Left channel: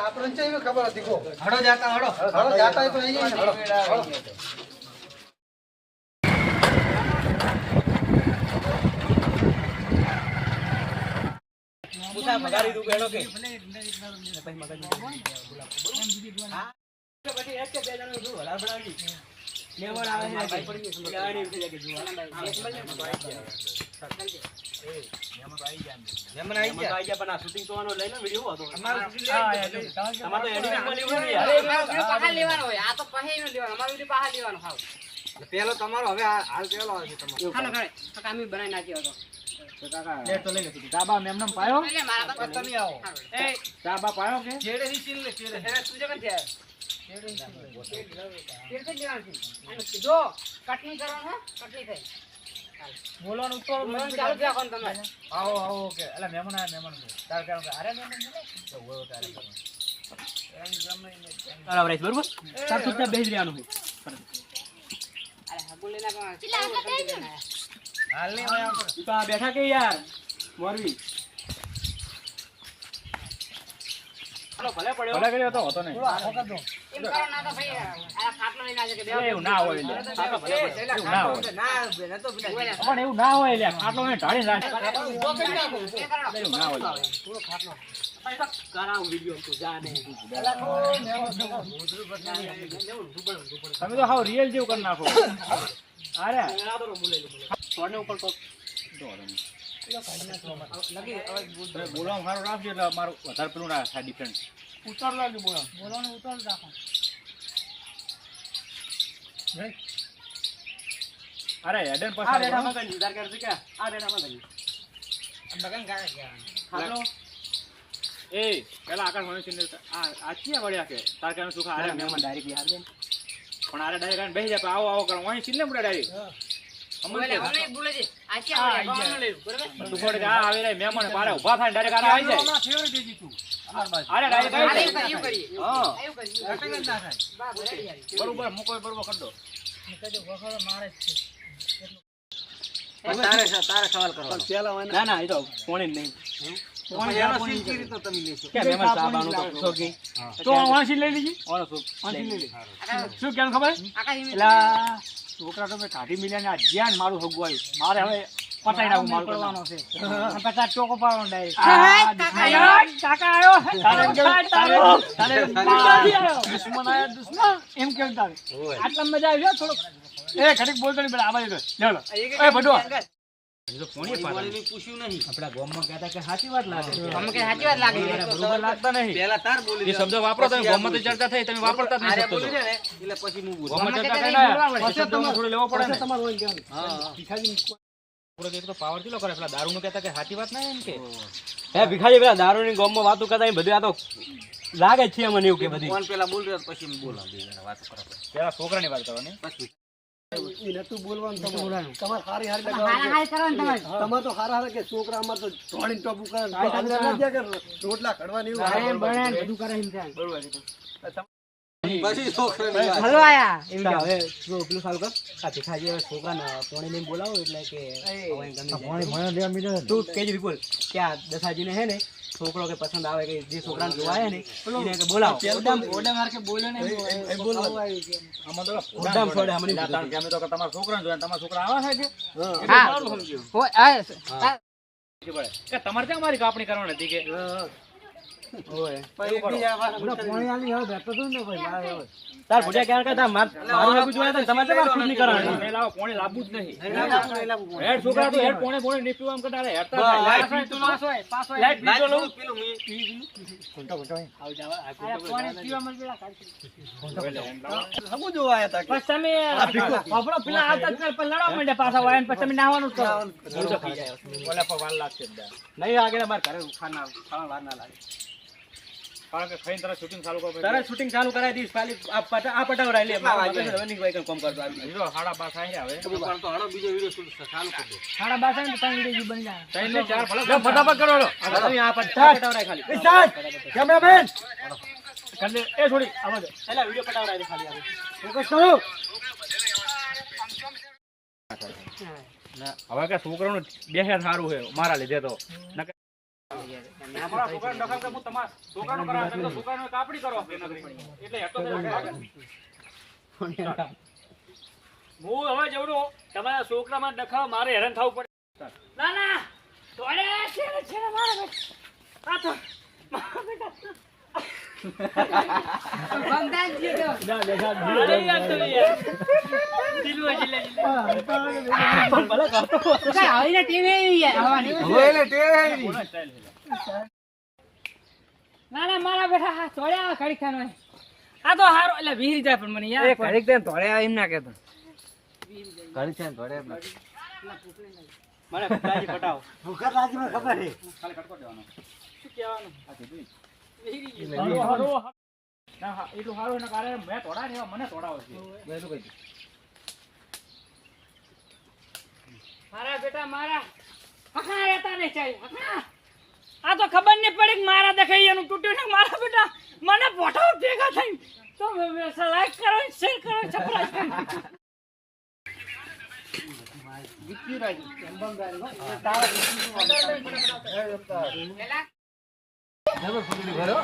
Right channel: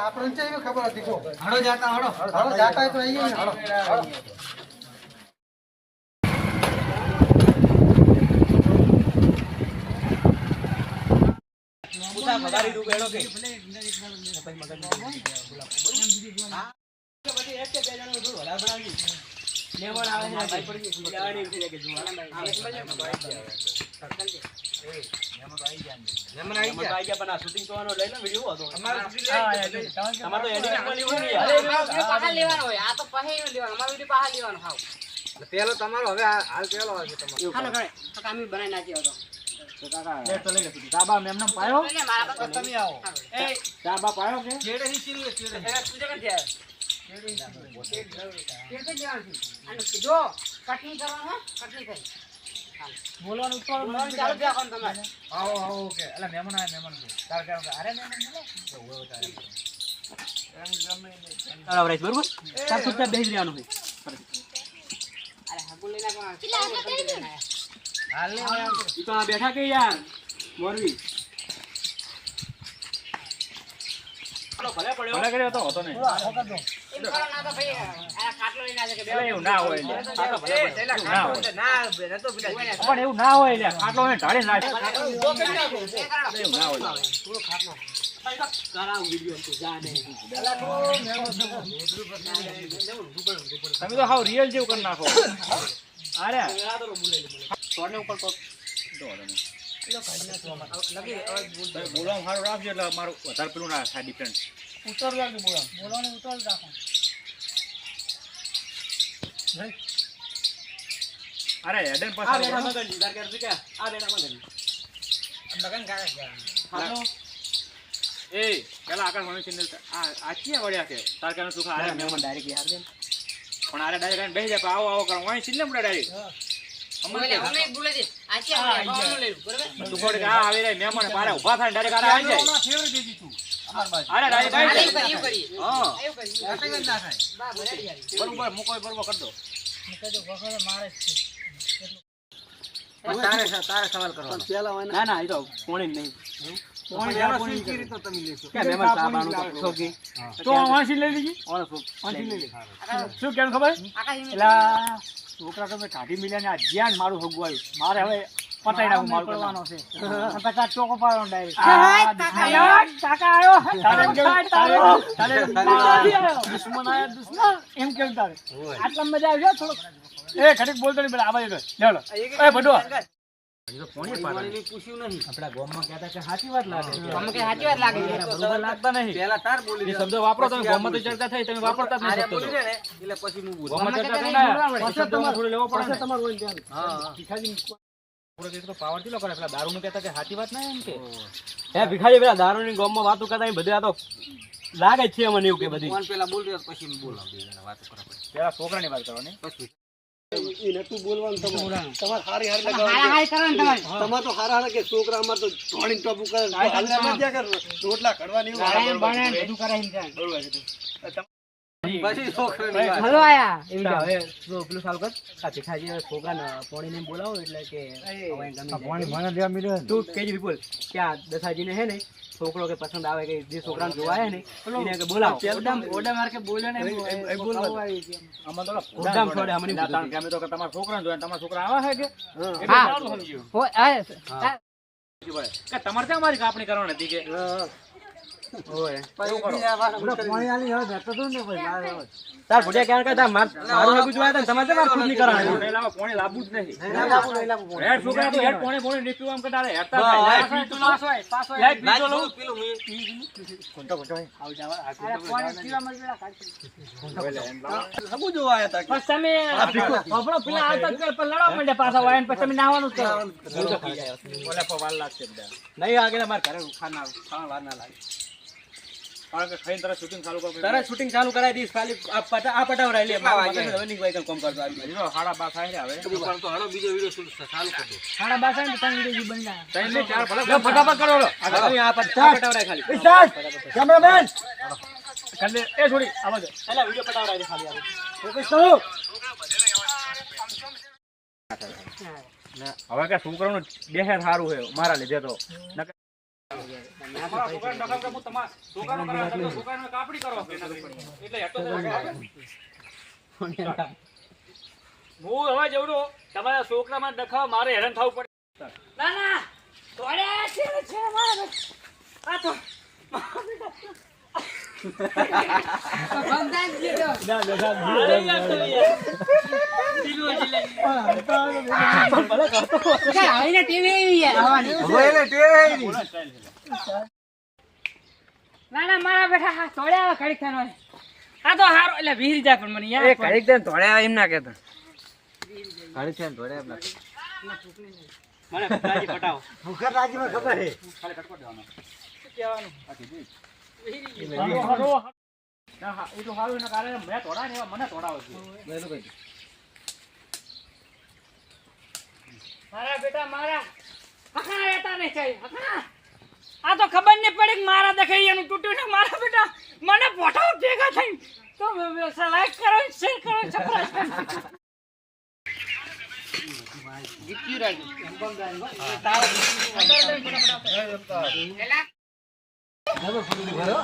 આપણને કેવી ખબર હતી કો હડો જાતા હડો જાતા તો અહીં ગઈ હડો પૂછા મગારી રૂ બેડો કે પછી એક કે બે જણો જો હલા બનાવી લેવડ આવે છે ભાઈ પડી ગઈ લાડી ઉઠી જાય કે જુવાના મેમન આવી ગયા પણ આ શૂટિંગ કરવાનો લઈ લો વિડિયો હતો અમારો તમાર તો એડિટિંગ માં લેવું નહીં અરે પાહા લેવાનો હોય આ તો પાહે નો લેવાનો અમારો વિડિયો પાહા લેવાનો હાવ પેલો તમારો હવે હાલ પેલો આવે છે તમારો ખાને ખાને તો કામી બનાવી નાખ્યો હતો તો કાકા લે તો લઈ લે સાબા મેમનમ પાયો એટલે મારા પાસે તમે આવો એ સાબા પાયો કે છેડે ની સીન લે છેડે હે તું જગન છે છેડે લેવાનું અને જો કટની કરવાનું હો કટની થઈ બોલવાનું ઉત્તર ચાલુ ક્યાં કોણ તમારે આવો આવો કે એટલે મહેમાન આયા મહેમાન કે તાર કે અરે મહેમાન બોલો તો હોય તારે રંગ ગમે ને બરાબર છે બરોબર તાર તો ત્યાં બેસી રહેવાનું હોય અરે હબુ લેના કોણ હાલ ને તો આ બેઠા કે યાર મોરવી ભલે પડ્યો ભલે કર્યો તો હતો ને આખો કર દો એમ કરો ના તો ભાઈ આ ખાટલો લઈને આજે કે બે એવું ના હોય લે ખાટલો ભલે પડ્યો ના હોય ના બેને તો પણ એવું ના હોય લે ખાટલો ને ઢાળી નાખ એવું ના હોય પૂરો ખાટલો કરાવ વિડિયો તો જા ને તમે તો હાવ રિયલ જેવું કરી નાખો અરે સોને ઉપર તો બોલવા મારું રાખજો એટલે મારું વધારે પેલું ના થાય ડિફરન્ટ ઉતર લાગે બોલવાનું ઉતર રાખો અરે હેડન પાસે આ રેડા મગન નિધાર કરતી કે આ રેડા મગન કાકા હાલો એ પેલા આકાશ મણી ચેનલ આ ચિયા વળ્યા છે તાર કાનો સુખા અરે મેમન ડાયરેક્ટ યાર દે પણ આરે ડાયરેક્ટ બેહી જાય આવો આવો કરો વણી ચિલ્લે મુડા ડાયરેક્ટ બોલે હમને બોલે છે આ કે ગાવાનું લેવું બરાબર તું કોડ કે આ આવે રે મહેમાન પાડે ઊભા થાય ડાયરેક્ટ આરે આવી જાય અમાર ફેવરિટ દેજી તું અમાર બાજુ અરે ડાયરેક્ટ આવી જાય એવું કરી હા એવું કરી અટક જ ના થાય બા બરાબર બરોબર મુકો બરોબર કર દો મુકજો વખરો મારે છે તારે સવાલ કરવાનો પેલા ના ના એ તો કોણી નહીં કોણી એનો સીધી રીત તમે લેશો કે મહેમાન સાબાનું તો સોગી તો વાંસી લઈ લીજી ઓનો સો વાંસી લઈ લીજી શું કેમ ખબર એલા છોકરા તમે કાઢી મિલ્યા ને આ જ્ઞાન મારું હગવાયું મારે હવે પટાઈ નાખું મારું કરવાનો છે 50 ટોકો પાડવાનો ડાયરેક્ટ કાકા આવ્યો તારો દુશ્મન આયો દુશ્મન એમ કેમ તારે આટલા મજા આવી થોડો એ ખરીક બોલતો નહીં પેલા આવા દે ચાલો એ બડો પોણી પૂછ્યું નહીં આપડા ગામમાં કહેતા કે સાચી વાત લાગે અમને કે સાચી વાત લાગે બરોબર લાગતા નહીં પહેલા તાર બોલી એ શબ્દ વાપરો તમે ગામમાં તો ચર્ચા થઈ તમે વાપરતા જ નહીં આરે બોલી ને એટલે પછી હું બોલું ગામમાં ચર્ચા કરના પછી તમારે થોડું લેવો પડે ને તમારે હોય કે હા ભીખાજી પૂરો દેખ તો પાવર કિલો કરે પેલા દારૂ નું કહેતા કે સાચી વાત નહીં એમ કે હે ભીખાજી પેલા દારૂ ની ગામમાં વાતો કરતા બધું આ તો લાગે છે મને એવું કે બધી કોણ પેલા બોલ રહ્યો પછી હું બોલાવ બે જણા વાતો કરવા પડે પેલા છોકરાની વાત કરવાની પછી ઈ નતું બોલવાનું તમાર હારી હારી લગાવવાનું તમાર તો હારા હારા કે છોકરા અમાર તો ધોણી ટોપુ કરે હાલના ન દે કે રોટલા કડવાની એવું બને બધું કરાઈને જાય બરોબર છે પછી છોકરાની વાત હલો આયા એમ કે હવે જો પેલું સાલ કર સાથી ખાજી છોકરાને પોણી લઈને બોલાવો એટલે કે હવે ગમે પોણી મને દેવા મિલે તું કેજી બોલ કે આ દસાજીને હે ને છોકરો કે પસંદ આવે કે જે છોકરાને જોવાય ને એને કે બોલાવો ઓડા માર કે બોલે ને એ બોલવા આમાં તો ઓડામ છોડે અમને લાતા કે અમે તો કે તમારા છોકરાને જોયા તમારા છોકરા આવા છે કે એ સારું સમજ્યો હોય આ કે તમારે ત્યાં મારી કાપણી કરવાની હતી કે ઓય બીજા પાણી આલી હવે બેઠો તો ને ભાઈ તાર ભુડિયા ક્યાં કહેતા મારું જોયા તો તમારે તો ખુદ ની કરવાની પેલા પાણી લાવવું જ નહીં હેડ છોકરા તો હેડ પાણી નીપીવા એમ કટાડે હેડતા પાસ હોય લાઈટ બીજો લો પેલું મે કોંટા આવ જાવા આ પાણી પીવા મળ પેલા કાઢી હબુ જોવા આયા તા બસ તમે આપણો પેલા આવતા જ પર લડવા માંડે પાછા વાયન પછી તમે નાવાનું કરો ઓલે પર વાર લાગશે નહીં આગળ માર ઘરે ખાના વાર ના લાગે કારણ કે ખાઈને તરત શૂટિંગ ચાલુ કરો તરત શૂટિંગ ચાલુ કરાવી દીસ ખાલી આ પટાવરાઈ લે રનિંગ વાઇકલ કોમ કરતો આ જો 12:30 થાય હવે તો હાલો બીજો વિડિયો ચાલુ કરી દો 12:30 થાય તો ત્રણ વિડિયો બની જાય ત્રણ ને ચાર ભલે ફટાફટ કરો લો આ પટાવરાઈ ખાલી સ્ટાર્ટ કેમેરામેન કર દે એ થોડી આવા દે એલા વિડિયો પટાવરાઈ દે ખાલી ફોકસ કરો હવે કે છોકરાનું દેહે સારું છે મારા લીધે તો અમારા છોકરાને ડખાવ કે હું તમારા છોકરાનો કરાવ એટલે છોકરાનો કાપડી કરો એટલે હેતો હું હવે જેવડો તમારા છોકરામાં ડખાવ મારે હેરાન થવું પડે ના ના તોડે છે મારા આ તો બંધાઈ ગયો અરે યાર તો યાર દિલવો જિલ્લા ભલે કાતો કઈ આવીને ટીવી યાર આવવાની ઓલે ટેવે ના ના મારા બેટા હા તોડ્યા ઘડીક થાનો આ તો હારો એટલે વીર જાય પણ મને યાર એ ઘડીક દે તોડ્યા એમ ના કહેતા ઘડીક છે તોડ્યા એમ ના મને ફટાજી પટાવો ભૂખર રાજમાં ખબર હે ખાલી કટકો દેવાનો શું કહેવાનું આ કીધું હારો ના હા એટલું હારું એના કારણે મેં તોડા ને મને તોડાવો છે મેં શું કહી મારા બેટા મારા હકણા રહેતા નહીં ચાહી હકણા આ તો ખબર નહીં પડી કે મારા દેખાઈ એનું તૂટ્યું ને મારા બેટા મને પોઠાઓ ભેગા થઈ તો લાઈક કરો શેર કરો સબસ્ક્રાઇબ કરો જીત્યું રાજ તારા જબર ફૂટી ભરો